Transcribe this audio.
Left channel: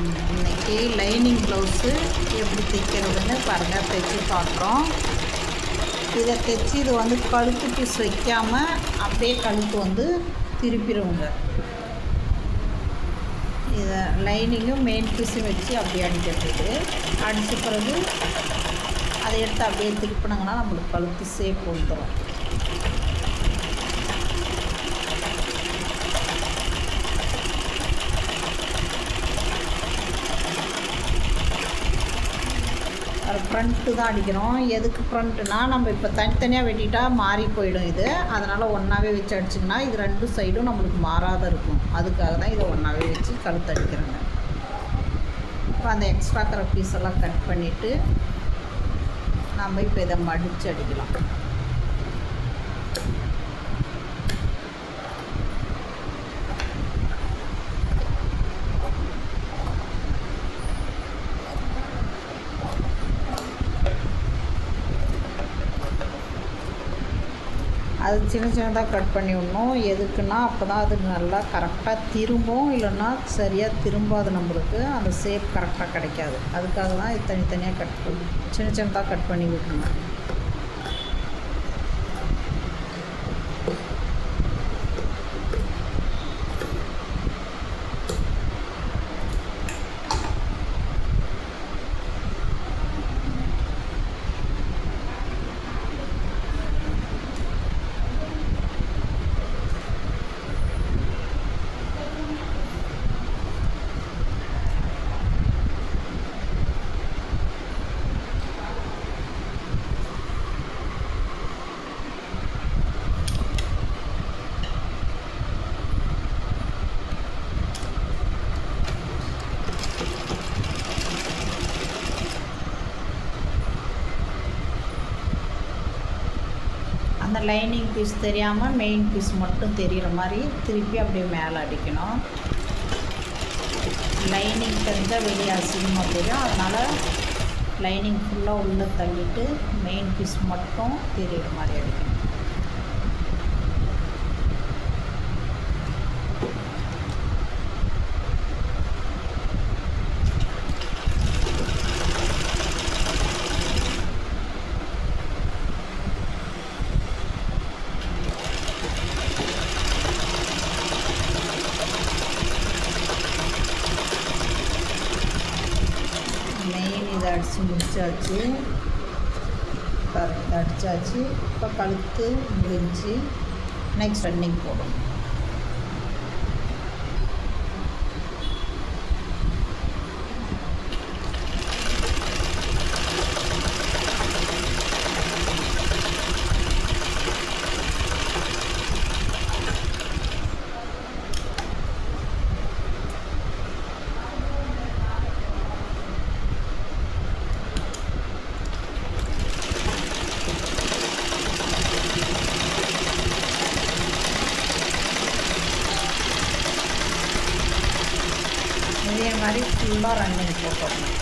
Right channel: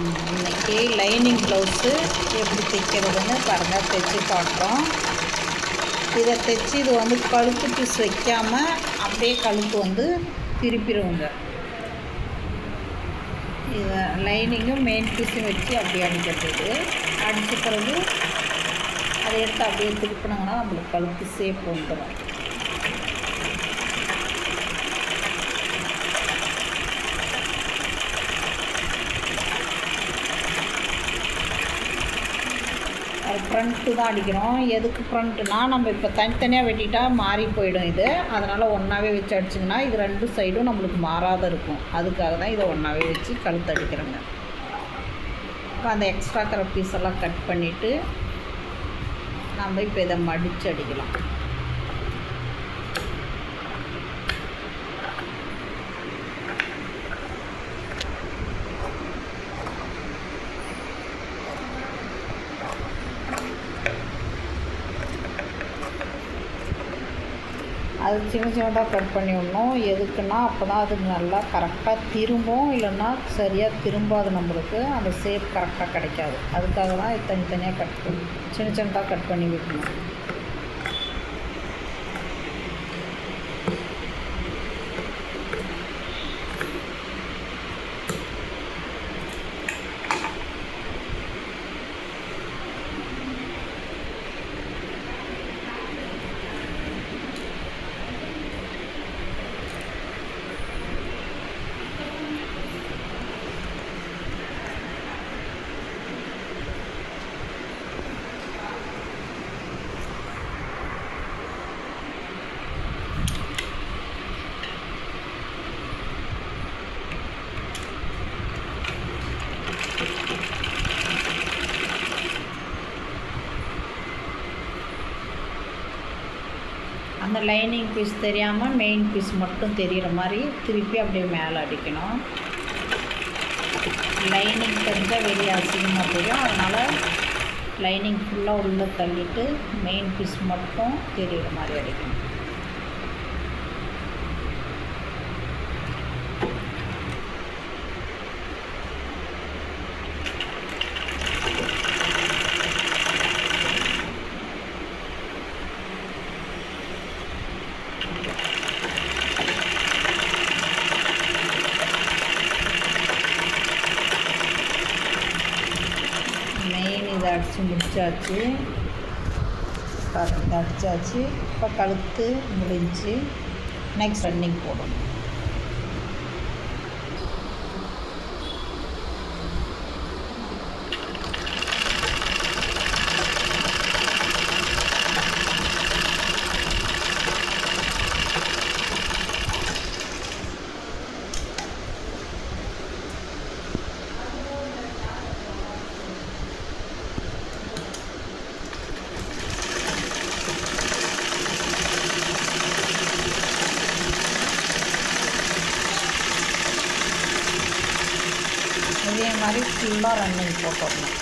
இன்றைக்கி lining blouse எப்படி தைக்கிறதுன்னு பாருங்கள், தைச்சி காட்டுறோம். இதை தைச்சி இது வந்து கழுத்து பீஸ் வைக்காமல் அப்படியே கழுத்து வந்து திருப்பிடுவோங்க. இதை லைனிங்கும் மெயின் பீஸும் வச்சு அப்படியே அடிக்கிறது. அடித்த பிறகு அதை எடுத்து அப்படியே திருப்பினாங்கன்னா நம்மளுக்கு கழுத்து ஷேப் வந்துடும். ஃப்ரண்ட்டு தான் அடிக்கிறோம். எதுக்கு ஃப்ரண்ட்டுனா, நம்ம இப்போ தனித்தனியாக வெட்டிட்டால் மாறி போயிடும் இது. அதனால் ஒன்றாவே வச்சு அடிச்சிங்கன்னா இது 2 சைடும் நம்மளுக்கு மாறாத இருக்கும். அதுக்காக தான் இதை ஒன்றாவே வச்சு கழுத்து அடிக்கிறோங்க. இப்போ அந்த எக்ஸ்ட்ரா இருக்கிற பீஸெல்லாம் கட் பண்ணிவிட்டு நம்ம இப்போ இதை மடித்து அடிக்கலாம். அது சின்ன சின்னதாக கட் பண்ணி விடணும். எதுக்குன்னா அப்போ தான் அது நல்லா கரெக்டாக திரும்பும். இல்லைன்னா சரியாக திரும்பாது, நம்மளுக்கு அந்த ஷேப் கரெக்டாக கிடைக்காது. அதுக்காக தான் இது தனித்தனியாக கட் பண்ணி சின்ன சின்னதாக கட் பண்ணி விடணும். அந்த லைனிங் பீஸ் தெரியாமல் மெயின் பீஸ் மட்டும் தெரிகிற மாதிரி திருப்பி அப்படியே மேலே அடிக்கணும். லைனிங் தெரிஞ்சால் வெளியே அசிங்கமாக தெரியும். அதனால் லைனிங் ஃபுல்லாக உள்ளே தள்ளிட்டு மெயின் பீஸ் மட்டும் தெரிகிற மாதிரி அடிக்கணும். இதை அடித்து முடிச்சாச்சு. பாருங்கள், அடித்தாச்சு. இப்போ கழுத்து முடிஞ்சு நெக்ஸ்ட் ரன்னிங் போடணும். இதே மாதிரி ஃபுல்லாக ரன்னிங் போட்டுடணும்.